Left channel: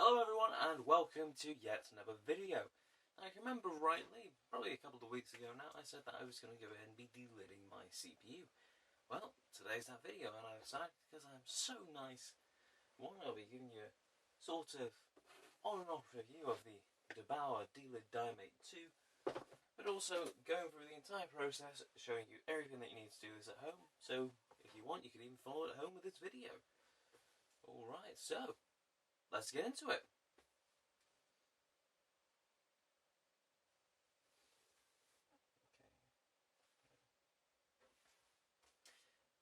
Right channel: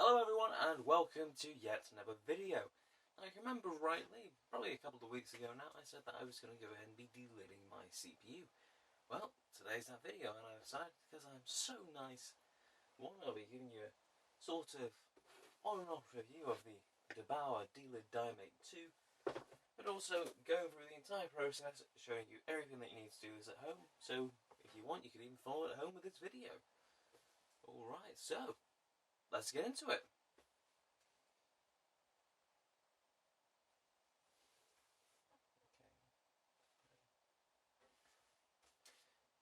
Hello everyone and welcome to yet another video. Now, if you remember rightly, probably a couple of weeks ago now, I said that I was going to go ahead and be delidding my CPU. Well, today's that video and I decided, because I'm so nice, I'll be giving you a sort of on and off review of the Delid Die Mate 2, but also going through the entire process, showing you everything that you need to do this at home, so if you want you can even follow it at home with this video. Alright, so let's get into it.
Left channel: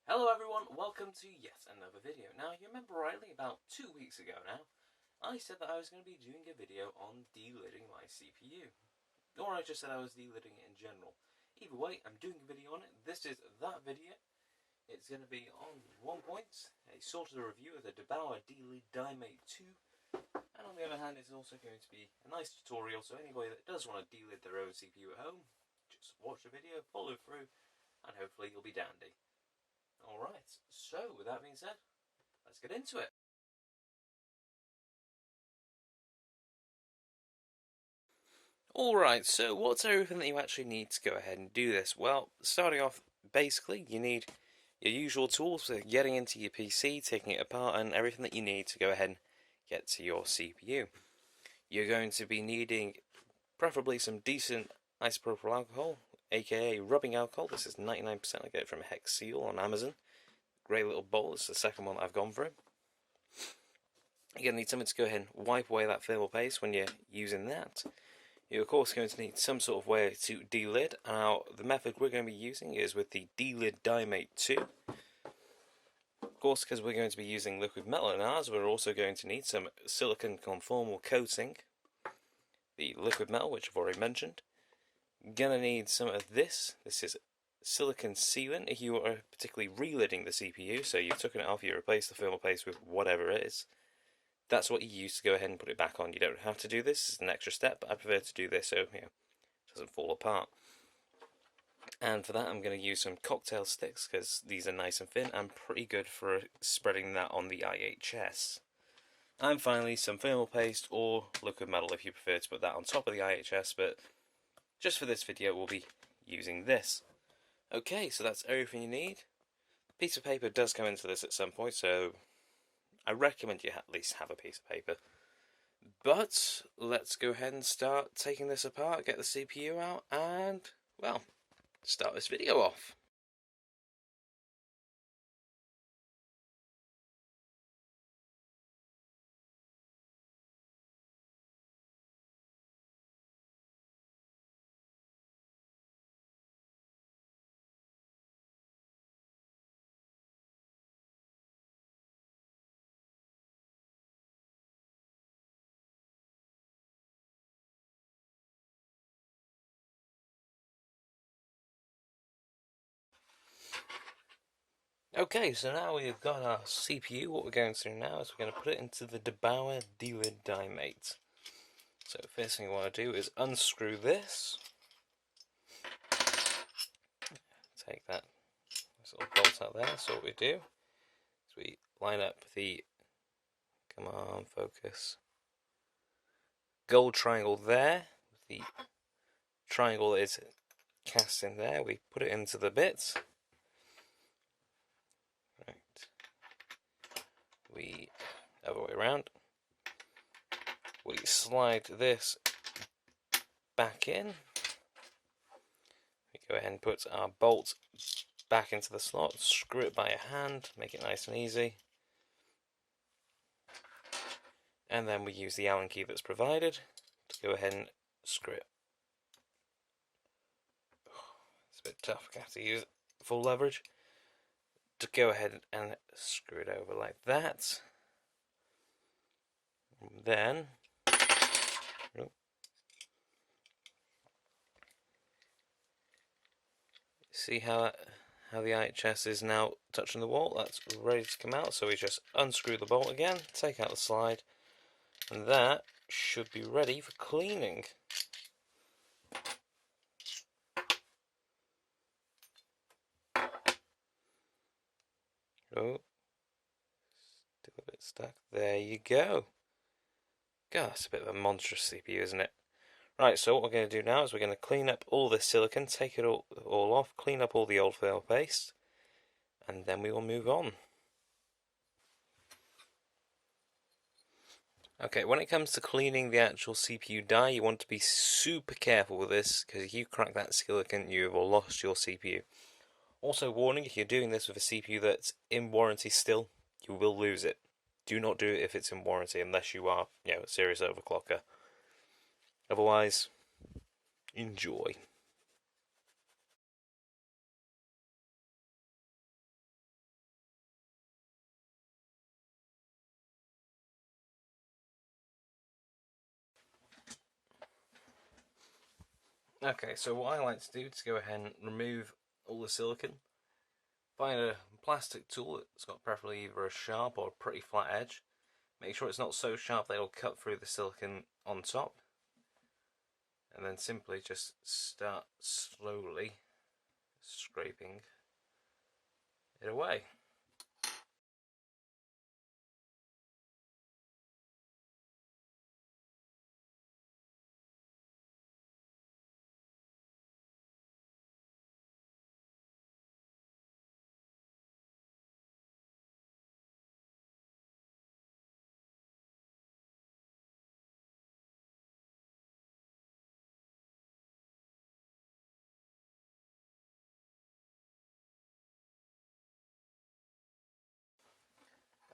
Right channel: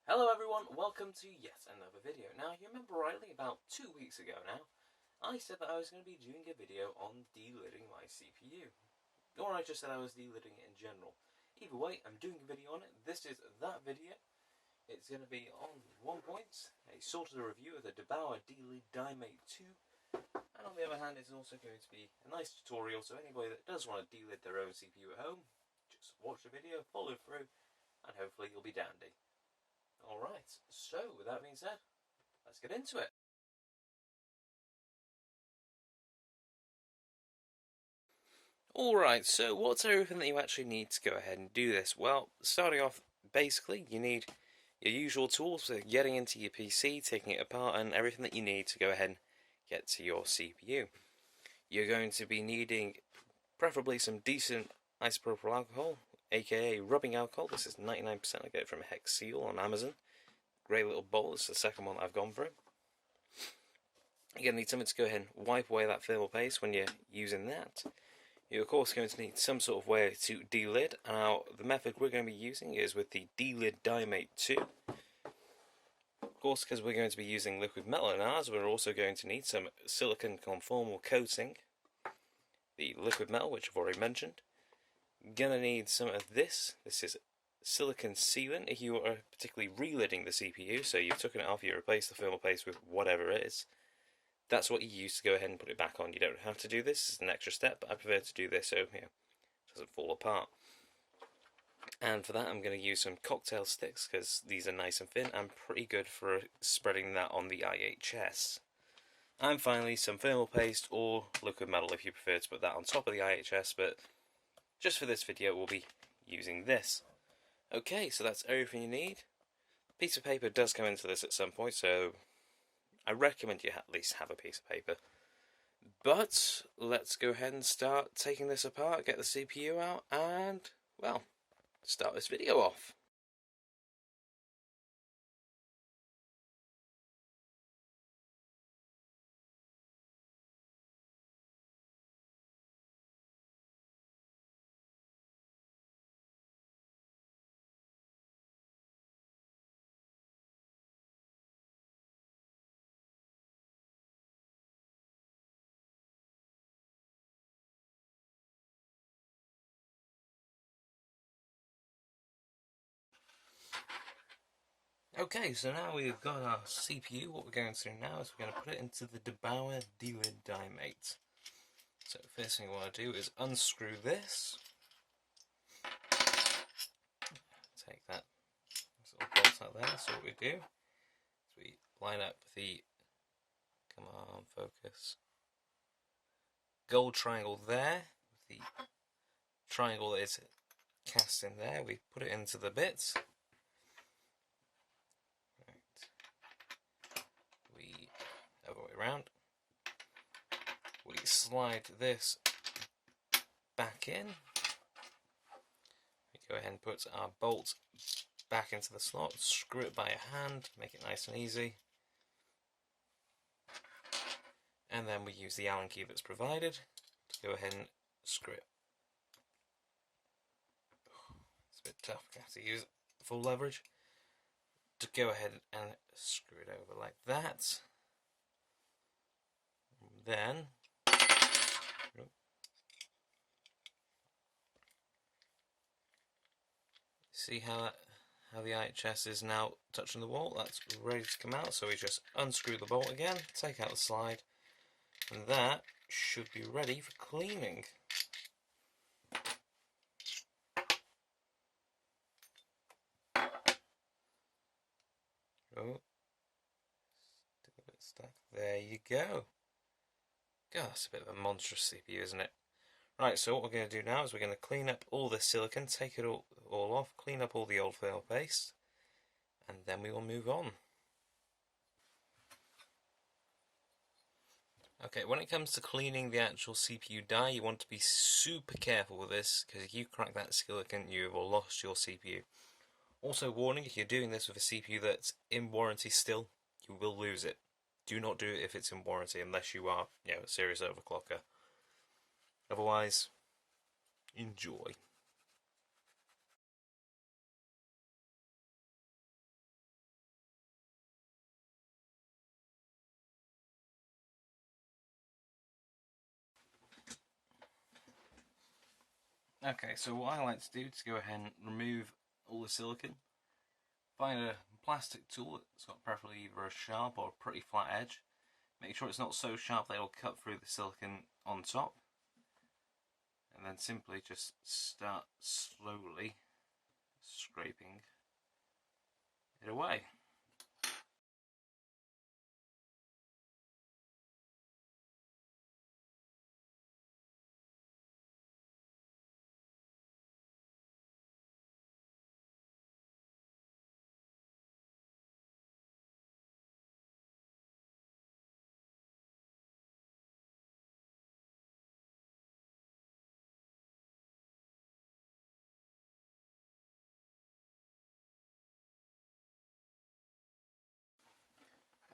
Hello everyone, welcome to yet another video. Now, you remember rightly, about 2 weeks ago now, I said that I was going to be doing a video on delidding my CPU. Or I just said I was delidding it in general. Either way, I'm doing a video on it. This is that video. It's going to be on one point, a sort of review of the Delid Die Mate 2. And on the other hand, it's also going to be a nice tutorial, so anybody that does want to delid their own CPU at home, just watch the video, follow through, and hopefully you'll be dandy. Alright, so with that being said, let's get into it. Alright, so what's everything that you actually need to go ahead and do this? Well, starting off, basically, you need your usual tools for getting into your PC, taking it apart, and everything that you need to go ahead and get to your CPU. You're going to be needing preferably some decent isopropyl alcohol, aka rubbing alcohol. This is 99%, I get it from Hex Seal on Amazon. Great little bowl, it's the second one that I've gone through. You're going to need something to go ahead and wipe away that thermal paste when you're using that. You're of course going to need some sort of way to delid. Now, the method we're going to be using is with the Delid Die Mate 2. Of course, because we're going to be using liquid metal in ours, we're also going to need some silicon conformal coating. The liquid metal, which I've already mentioned. You're going to need some of this. This is silicon sealant if you are particularly relidding the CPU, so you've taken it off, you replace the thermal paste with whatever it is. That's what you use to go ahead and put it back on. You don't have to do this, it's an extra step, but I prefer to do this so it doesn't fall apart. And for that I'm going to use some cocktail sticks, because these are nice and thin and pretty good for spreading that on the IHS. And finally some thermal paste or liquid metal if you prefer to put that on top of the IHS, but just for this video we'll be using this. Okay, so that's everything you need. A piece of paper does come into this at some point, so I recommend you at least have a piece of paper. But let's go ahead and start taking this apart, get the CPU out, and, well, start this video off. Okay, so now we've got our CPU, what we're going to do now is we're going to put it into the Delid Die Mate. So the first thing I want to do is unscrew this. Take that little bolt out there, so what we do is we line up the, come on, focus, gold triangle there, the triangle that is cast in there, we put it into the bits. We, other way around, we slide this back in, we go ahead and put our bolt back into the slot, screw it by hand, make it nice and easy, and then we use the Allen key that's provided to go ahead and screw it. It's a bit tough, I have to use full leverage to go ahead and screw it over like that. And then see how the IHS is now touching the wall. That's ready to come out, so we just unscrew the bolt again, take out the slide, and that should be ready for cleaning. Oh, still a bit stuck. There you go. God, that's a bit of a monstrous CPU, isn't it? Right, so what we're going to do now is we're going to clean up all this silicon, take it all off, clean up all the old fail paste, and then we will move on. Okay, when it comes to cleaning the actual CPU die, you want to be super careful with this, because if you crack that silicon, you have lost your CPU. Also, warning, if you're doing this with a CPU that's in warranty still, you will lose it. Do not do it if it's in warranty, unless you are, a serious overclocker. Otherwise, enjoy. Okay, so what I like to do is go ahead and remove all the silicon. Find a plastic tool that's got preferably either a sharp or a pretty flat edge. Make sure it's not so sharp that it'll cut through the silicon on top. And then simply just start slowly scraping it away.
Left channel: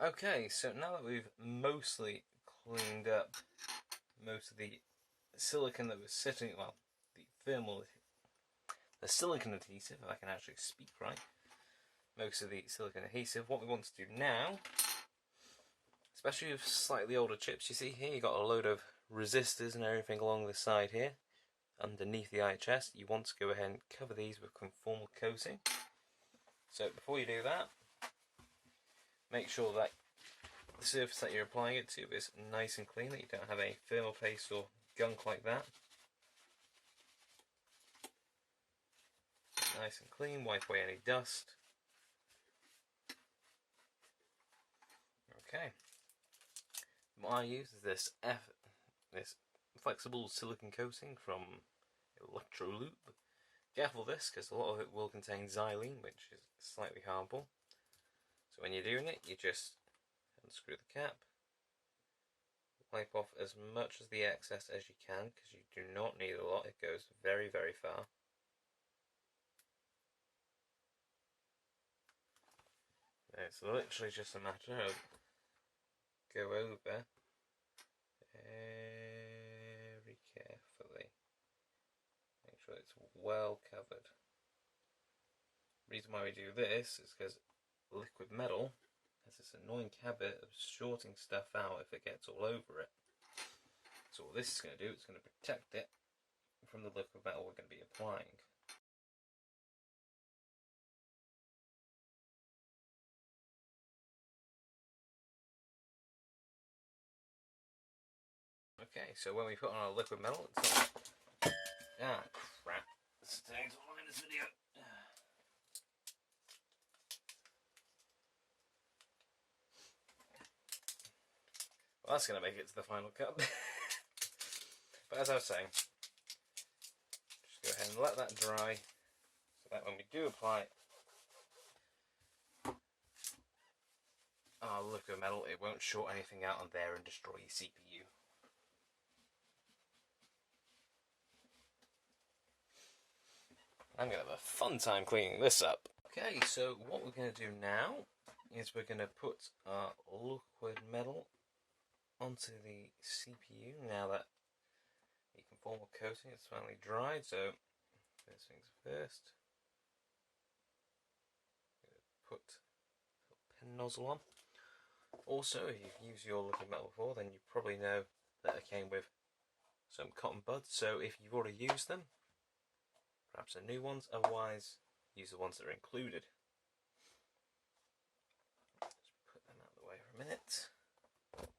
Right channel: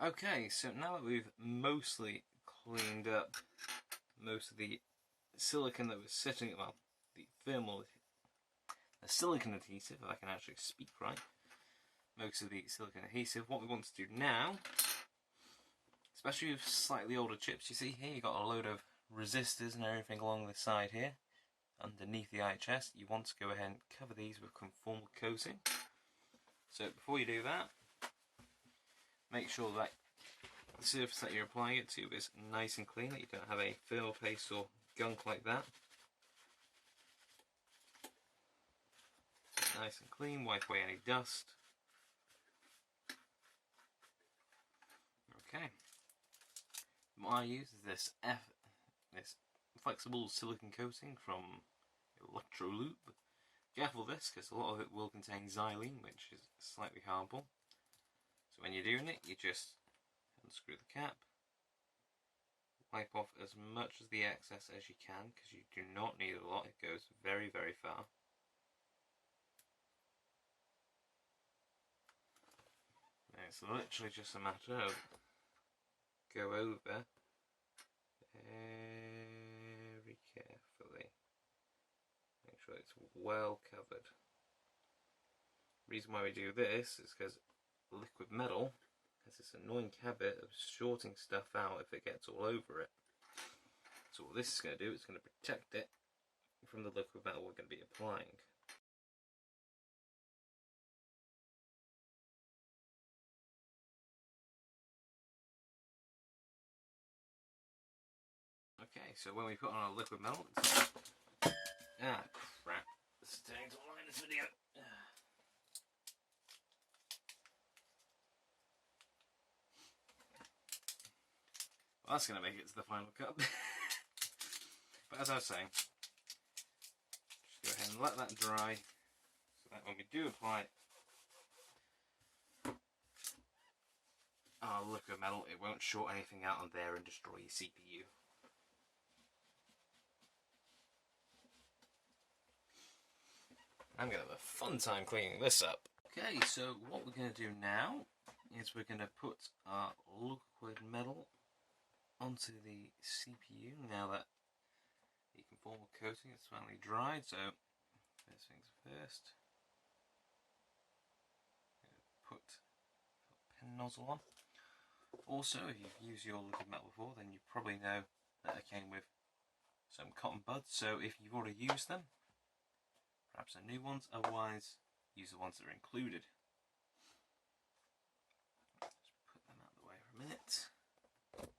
Okay, so now that we've mostly cleaned up most of the silicon that was sitting, well, the silicon adhesive, if I can actually speak right, most of the silicon adhesive, what we want to do now, especially with slightly older chips, you see here, you've got a load of resistors and everything along the side here, underneath the IHS, you want to go ahead and cover these with conformal coating. So before you do that, make sure that the surface that you're applying it to is nice and clean, that you don't have any fail paste or gunk like that. Nice and clean, wipe away any dust. Okay. What I use is this flexible silicon coating from Electrolube. Careful this, because a lot of it will contain xylene, which is slightly harmful. So when you're doing it, you just unscrew the cap, wipe off as much of the excess as you can, because you do not need a lot, it goes very, very far. It's literally just a matter of go over very carefully, make sure it's well covered. The reason why we do this is because liquid metal has this annoying habit of shorting stuff out if it gets all over it. So what this is going to do, it's going to protect it from the liquid metal we're going to be applying. Okay, so when we put on our liquid metal, it's not... Ah, crap. This is taking too long in this video. Well, that's going to make it to the final cut. But as I was saying, just go ahead and let that dry, so that when we do apply our liquid metal, it won't short anything out on there and destroy your CPU. I'm going to have a fun time cleaning this up. Okay, so what we're going to do now is we're going to put our liquid metal onto the CPU now that the conformal coating is finally dried. So first things first, put a pin nozzle on. Also, if you've used your liquid metal before, then you probably know that it came with some cotton buds. So if you've already used them, perhaps the new ones, otherwise use the ones that are included. Just put them out of the way for a minute. Okay.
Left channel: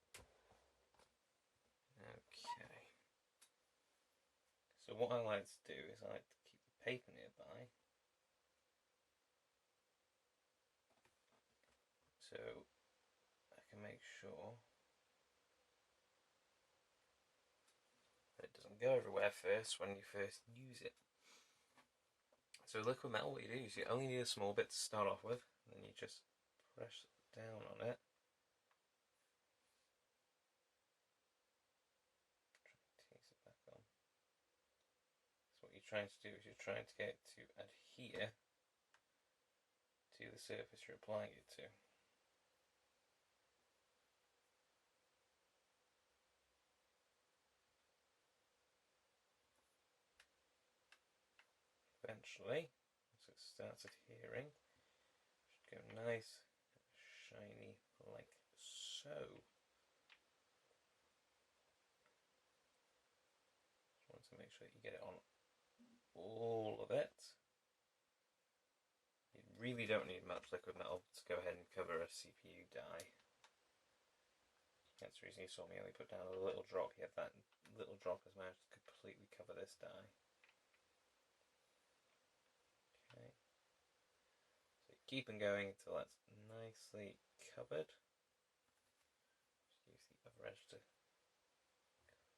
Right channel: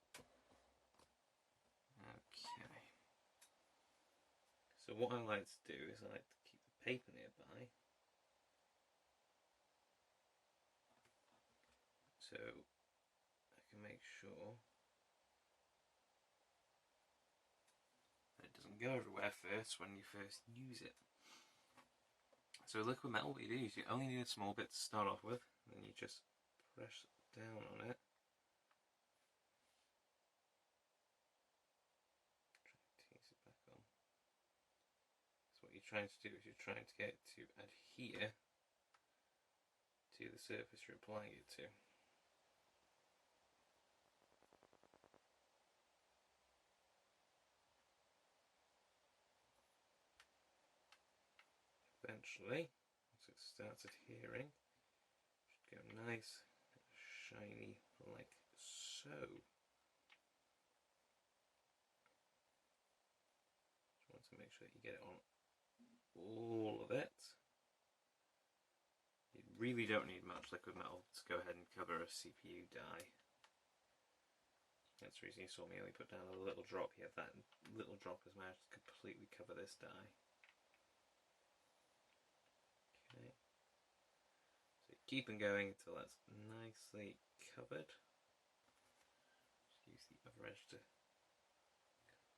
So what I like to do is I like to keep the paper nearby. So I can make sure doesn't go everywhere first when you first use it. So liquid metal, what you do is you only need a small bit to start off with, and then you just press down on it. Tease it back on. So what you're trying to do is you're trying to get it to adhere to the surface you're applying it to. Eventually, as it starts adhering, it should go nice, shiny, like so. Just want to make sure that you get it on all of it. You really don't need much liquid metal to go ahead and cover a CPU die. That's the reason you saw me only put down a little drop. Yet that little drop has managed to completely cover this die. Okay. So keep on going until that's nicely covered. Just use the other edge to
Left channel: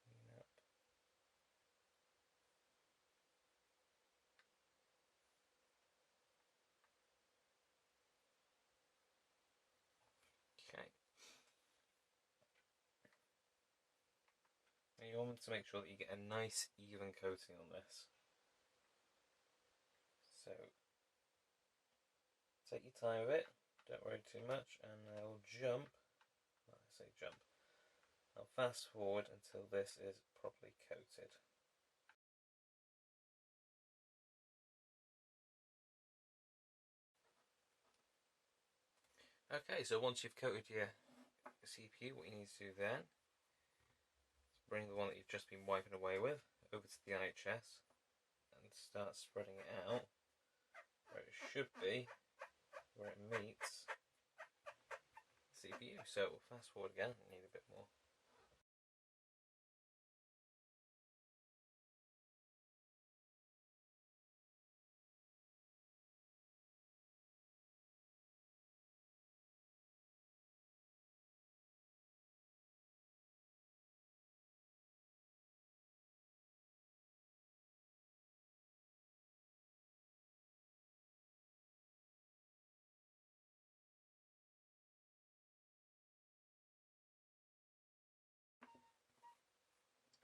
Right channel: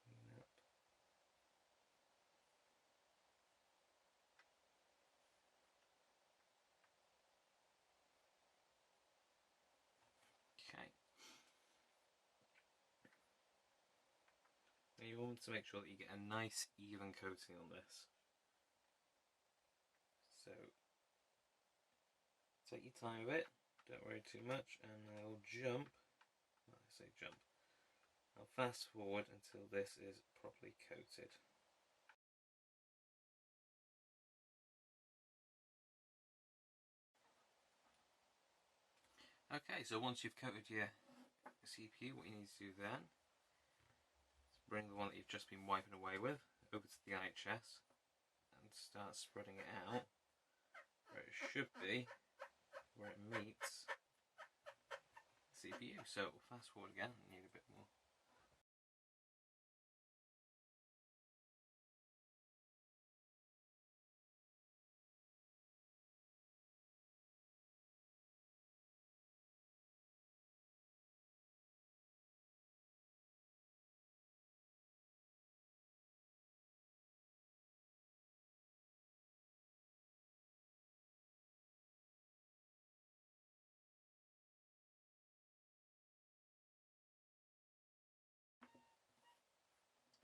clean up. Okay. Now you want to make sure that you get a nice even coating on this. So take your time with it, don't worry too much, and I'll jump. Well, I say jump. I'll fast forward until this is properly coated. Okay, so once you've coated your CPU, what you need to do then is bring the one that you've just been wiping away with over to the IHS and start spreading it out where it should be, where it meets the CPU. So we'll fast forward again, I need a bit more.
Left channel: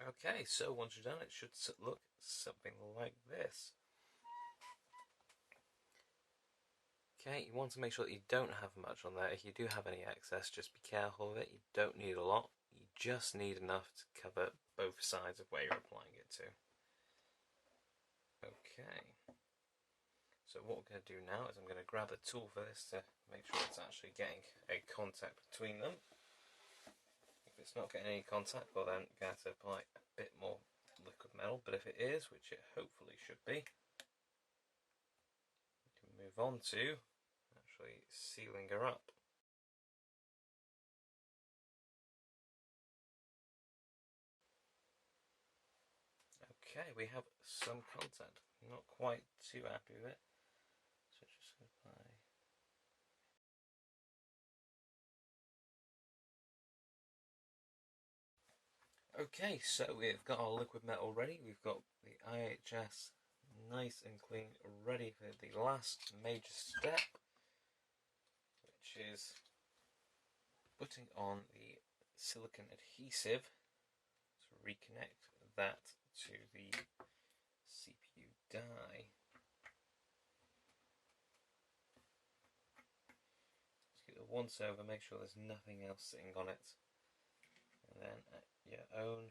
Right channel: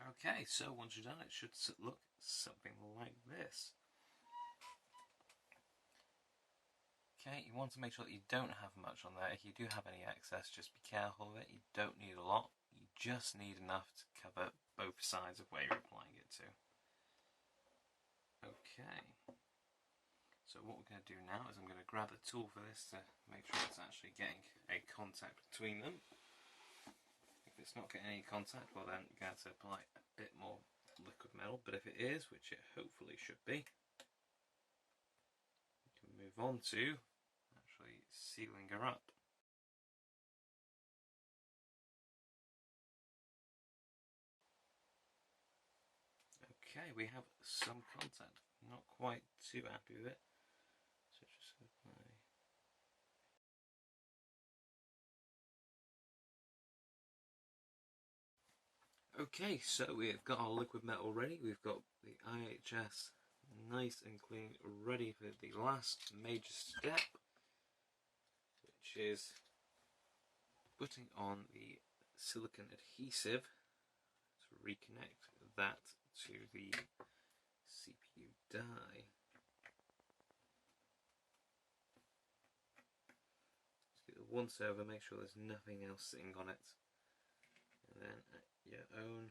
Okay, so once you're done, it should look something like this. Okay, you want to make sure that you don't have much on there. If you do have any excess, just be careful of it. You don't need a lot. You just need enough to cover both sides of where you're applying it to. Okay. So what we're going to do now is I'm going to grab a tool for this to make sure it's actually getting a contact between them. If it's not getting any contact, well then you're going to have to apply a bit more liquid metal, but if it is, which it hopefully should be, we can move on to actually sealing her up. Okay, we have some contact. Not quite too happy with it, so just going to apply. Okay, so we've got our liquid metal ready. We've got the IHS nice and clean, ready for the last major step, which is putting on the silicone adhesive to reconnect that to the CPU die. Just get the once over, make sure there's nothing else sitting on it, and then at your own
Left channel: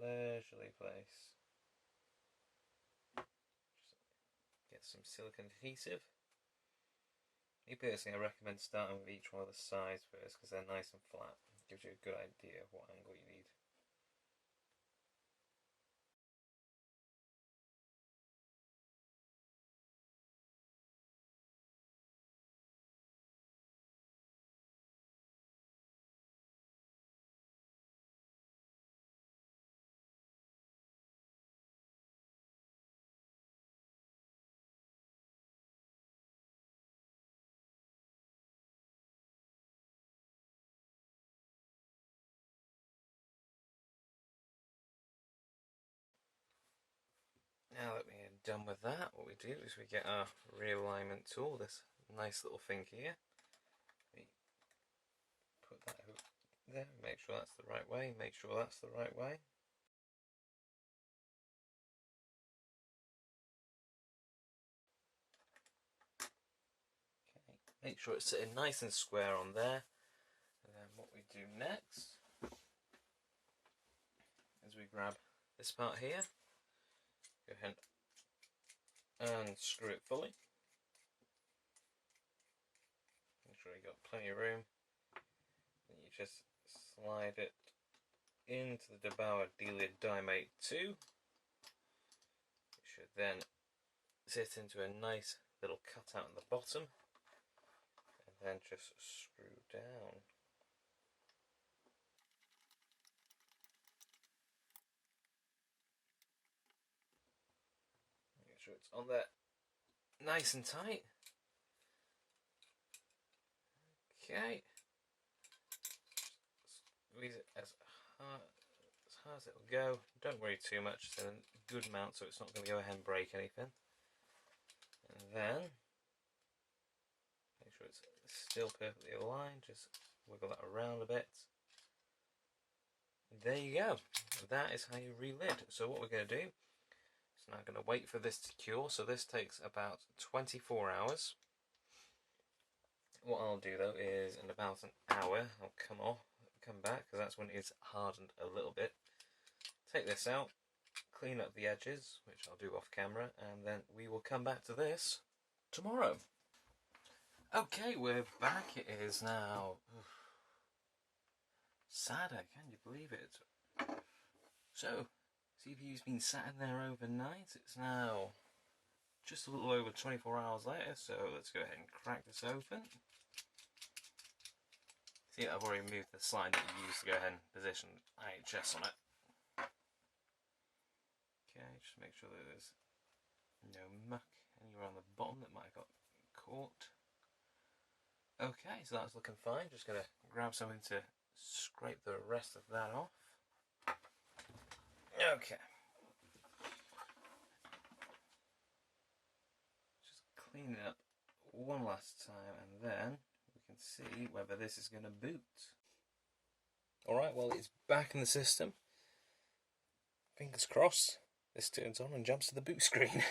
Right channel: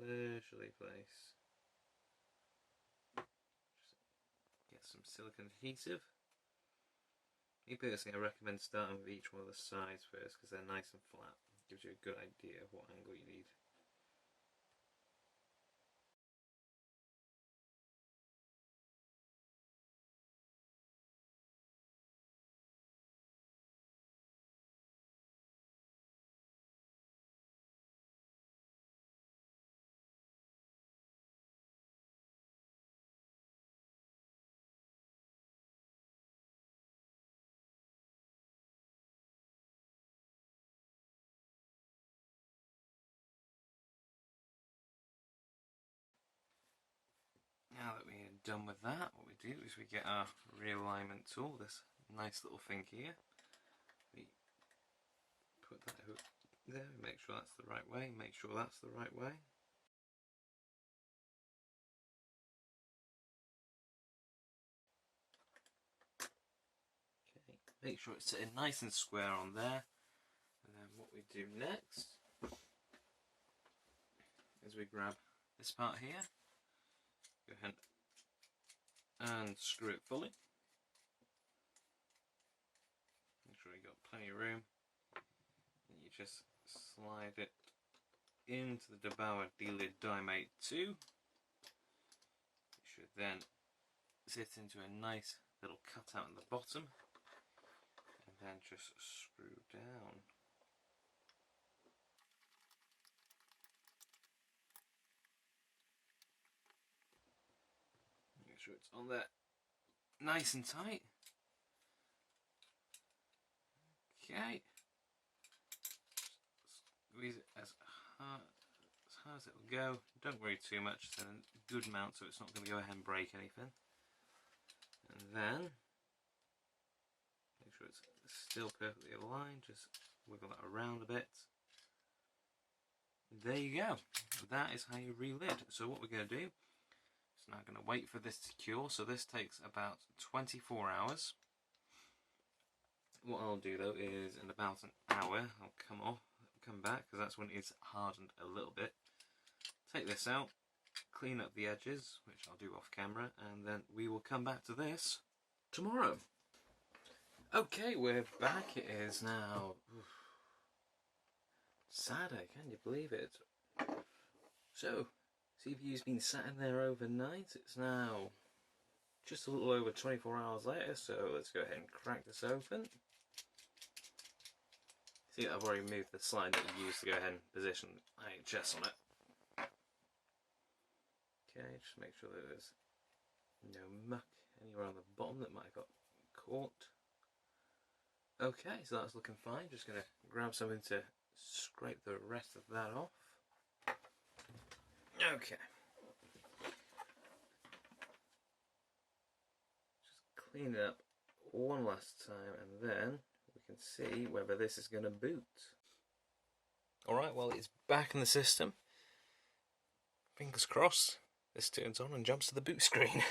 leisurely pace, just get some silicone adhesive. Me personally, I recommend starting with each one of the sides first because they're nice and flat. It gives you a good idea of what angle you need. done with that, what we do is we get our realignment tool, this nice little thing here. We put that hook there, make sure that's the right way, make sure that's the right way. Okay, make sure it's sitting nice and square on there. And then what we do next is we grab this part here, go ahead and screw it fully. Make sure you've got plenty of room. And you just slide it into the Delid Die Mate 2. It should then sit into a nice little cutout at the bottom, and then just screw down. Make sure it's on there nice and tight. Okay. Squeeze it as hard as it will go. Don't worry too much, it's a good mount so it's not going to go ahead and break anything. And then make sure it's still perfectly aligned, just wiggle that around a bit. There you go. That is how you relid. So what we're going to do is now going to wait for this to cure. So this takes about 24 hours. What I'll do though is in about an hour I'll come back, because that's when it's hardened a little bit. Take this out, clean up the edges, which I'll do off camera, and then we will come back to this tomorrow. Okay, we're back. It is now Saturday, can you believe it? So, CPU's been sat in there overnight. It's now just a little over 24 hours later, so let's go ahead and crack this open. See, I've already moved the slide that we used to go ahead and position IHS on it. Okay, just make sure that there's no muck anywhere on the bottom that might have got caught. Okay, so that's looking fine. Just going to grab something to scrape the rest of that off. Okay. Just clean it up one last time, and then we can see whether this is going to boot. Alright, well, it's back in the system. Fingers crossed this turns on and jumps to the boot screen.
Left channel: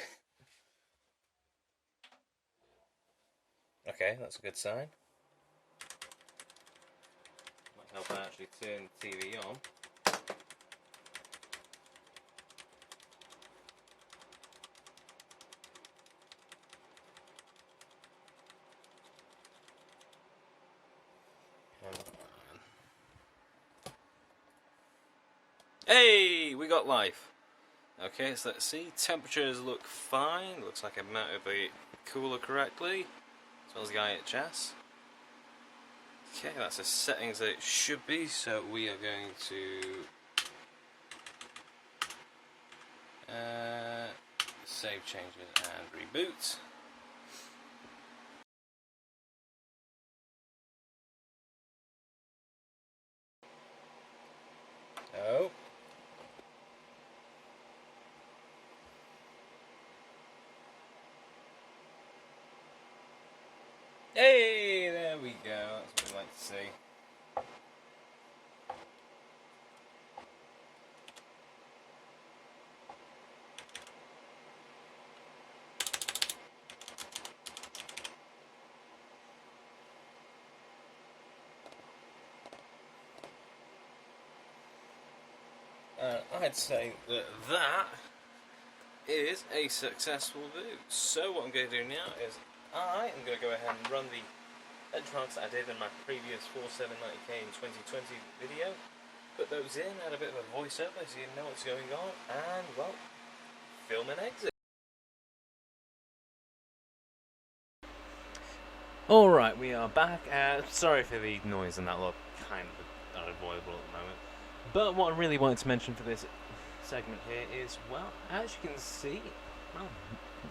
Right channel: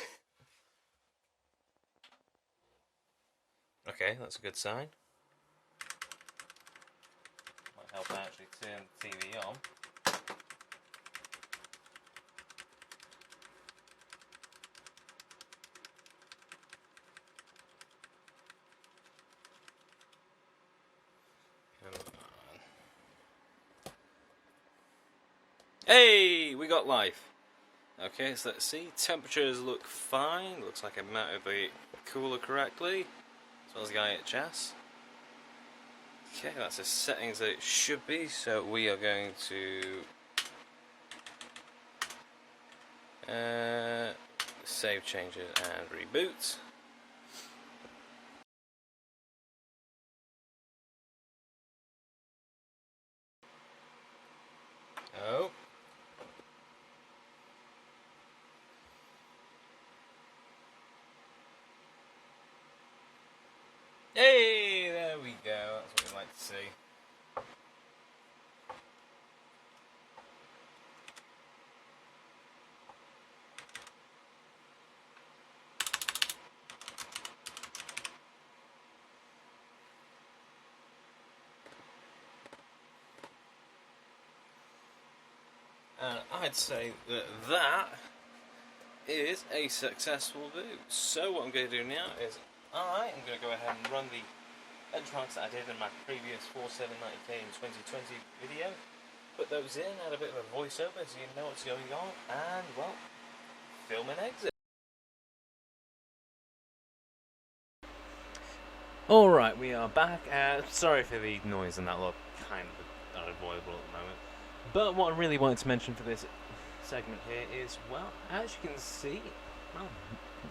Okay, that's a good sign. Might help I actually turn the TV on. Hey, we got life. Okay, so let's see. Temperatures look fine. Looks like it might be cooler correctly, as well as the IHS. Okay, that's the settings that it should be. So we are going to save changes and reboot. Oh. Hey, there we go. That's what we like to see. I'd say that is a successful boot. So what I'm going to do now is I'm going to go ahead and run the benchmarks that I did in my previous 4790K in 2020 video. Put those in, add a bit of a voiceover so you know what's going on, and, well, film and exit. Alright, we are back. Sorry for the noise and that look kind of unavoidable at the moment. But what I really wanted to mention for this segment here is, well, as you can see, well,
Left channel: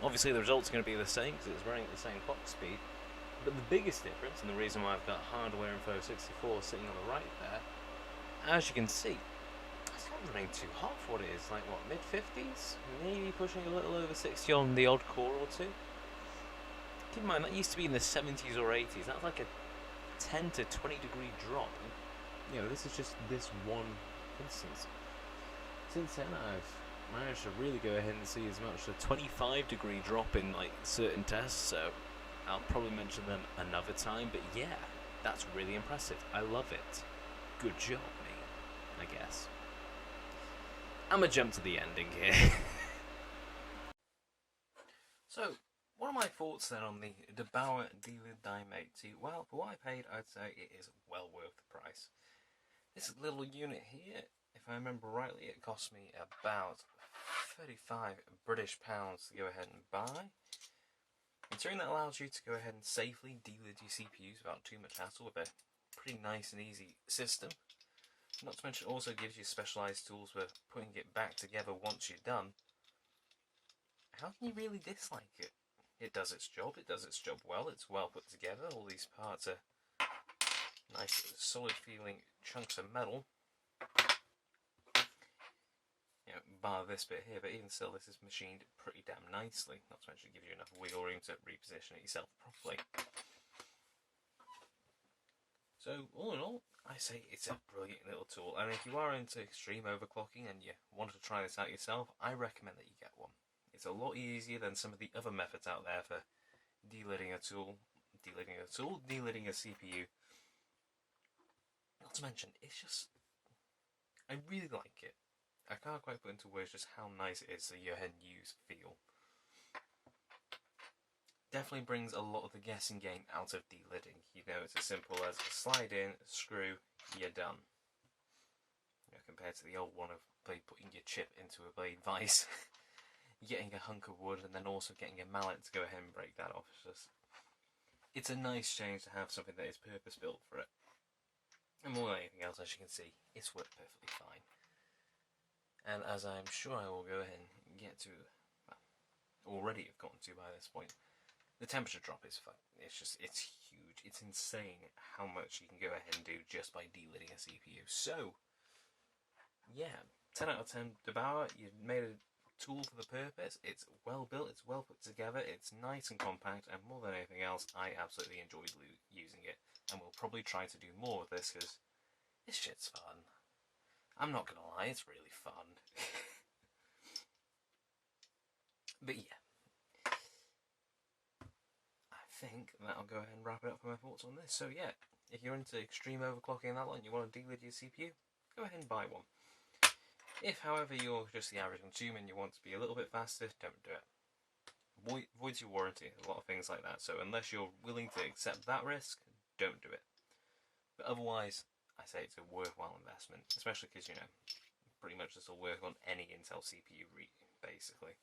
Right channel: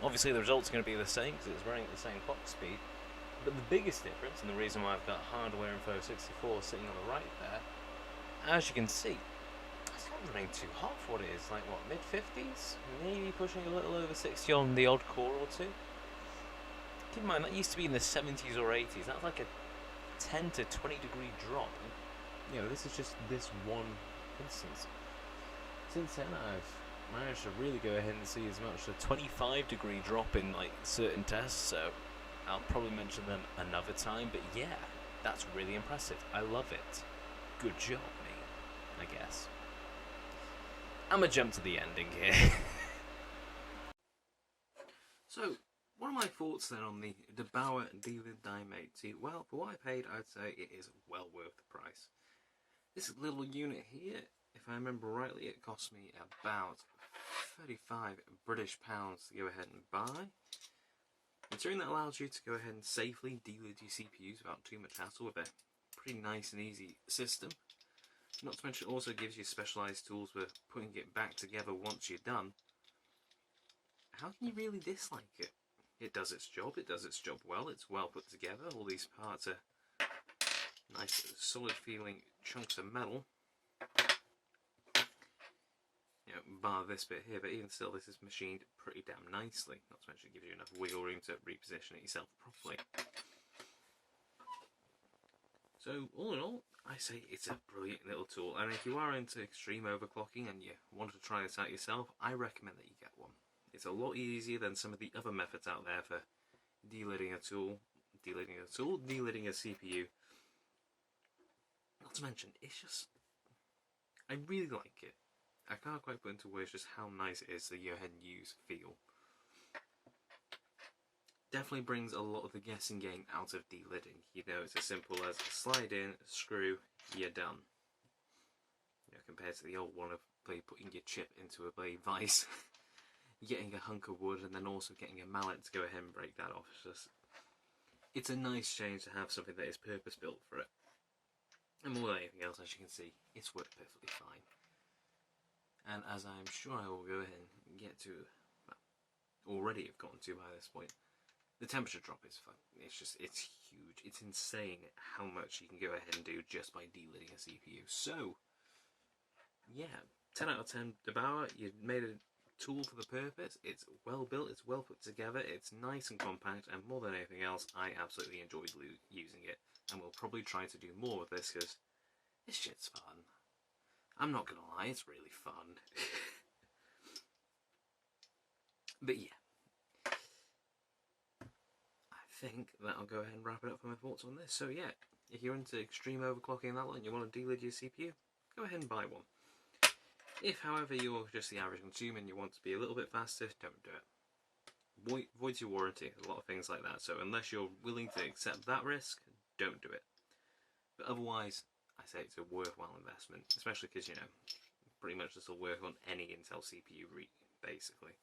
obviously the results are going to be the same because it's running at the same clock speed. But the biggest difference, and the reason why I've got Hardware Info 64 sitting on the right there, as you can see, it's got running too hot for what it is, like what, mid-50s? Maybe pushing a little over 60 on the odd core or two. Keep in mind, that used to be in the 70s or 80s. That's like a 10 to 20 degree drop. You know, this is just this one instance. Since then, I've managed to really go ahead and see as much as a 25 degree drop in like certain tests, so I'll probably mention them another time, but yeah, that's really impressive. I love it. Good job, me, I guess. I'm gonna jump to the ending here. So, what are my thoughts then on the Delid Die Mate? Well, for what I paid, I'd say it is well worth the price. This little unit here, if I remember rightly, it cost me about 35 British pounds to go ahead and buy. Considering that allows you to go ahead and safely delid your CPUs without too much hassle with a pretty nice and easy system. Not to mention it also gives you specialised tools for putting it back together once you're done. How can you really dislike it? It does its job well, it's well put together, all these parts are nice solid feeling chunks of metal. You know, bar this bit here, but even still this is machined pretty damn nicely. Not to mention it gives you enough wiggle room to reposition it yourself properly. So all in all, I say it's a brilliant little tool, and if you are into extreme overclocking and you want to try this out yourself, I recommend that you get one. It's a lot easier than some of the other methods out there for delidding a CPU. Not to mention, it's just, I really like it. I can't quite put into words just how nice it is to go ahead and use feel. Definitely brings a lot of the guessing game out of delidding. You know, it's as simple as slide in, screw, you're done. You know, compared to the old one of putting your chip into a blade vise, getting a hunk of wood, and then also getting a mallet to go ahead and break that off. It's a nice change to have something that is purpose built for it. And more than anything else, as you can see, it's worked perfectly fine. And as I'm sure I will go ahead and get to, already have gotten to by this point, the temperature drop is fun. It's huge. It's insane how much you can go ahead and do just by delidding a CPU. So, yeah, 10 out of 10 Debauer. You've made a tool for the purpose. It's well built, it's well put together, it's nice and compact, and more than anything else, I absolutely enjoyed using it. And we'll probably try to do more with this because this shit's fun. I'm not gonna lie, it's really fun. But yeah, I think that'll go ahead and wrap it up for my thoughts on this. So yeah, if you're into extreme overclocking and that lot and you want to delid your CPU, go ahead and buy one. If, however, you're just the average consumer and you want to be a little bit faster, don't do it. Voids your warranty, a lot of things like that. So unless you're willing to accept that risk, don't do it. But otherwise, I say it's a worthwhile investment, especially because, you know, pretty much this will work on any Intel CPU, basically.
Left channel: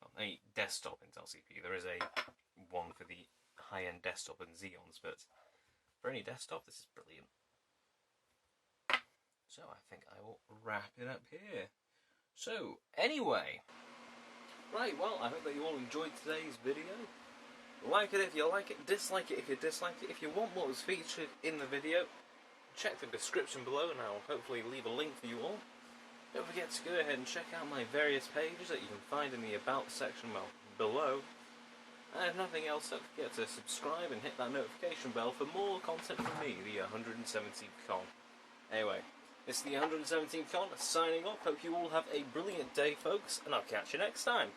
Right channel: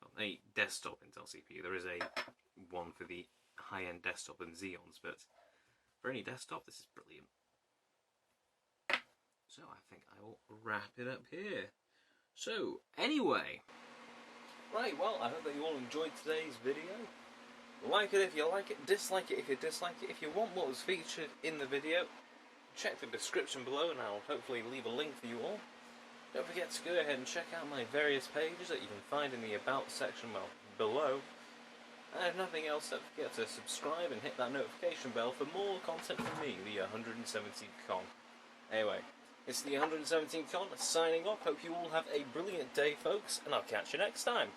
Well, any desktop Intel CPU. There is a one for the high-end desktop and Xeons, but for any desktop, this is brilliant. So I think I will wrap it up here. So, anyway. Right, well, I hope that you all enjoyed today's video. Like it if you like it, dislike it if you dislike it. If you want what was featured in the video, check the description below and I'll hopefully leave a link for you all. Don't forget to go ahead and check out my various pages that you can find in the About section below. And if nothing else, don't forget to subscribe and hit that notification bell for more content from me, the 117th Con. Anyway, it's the 117th Con signing off. Hope you all have a brilliant day, folks, and I'll catch you next time.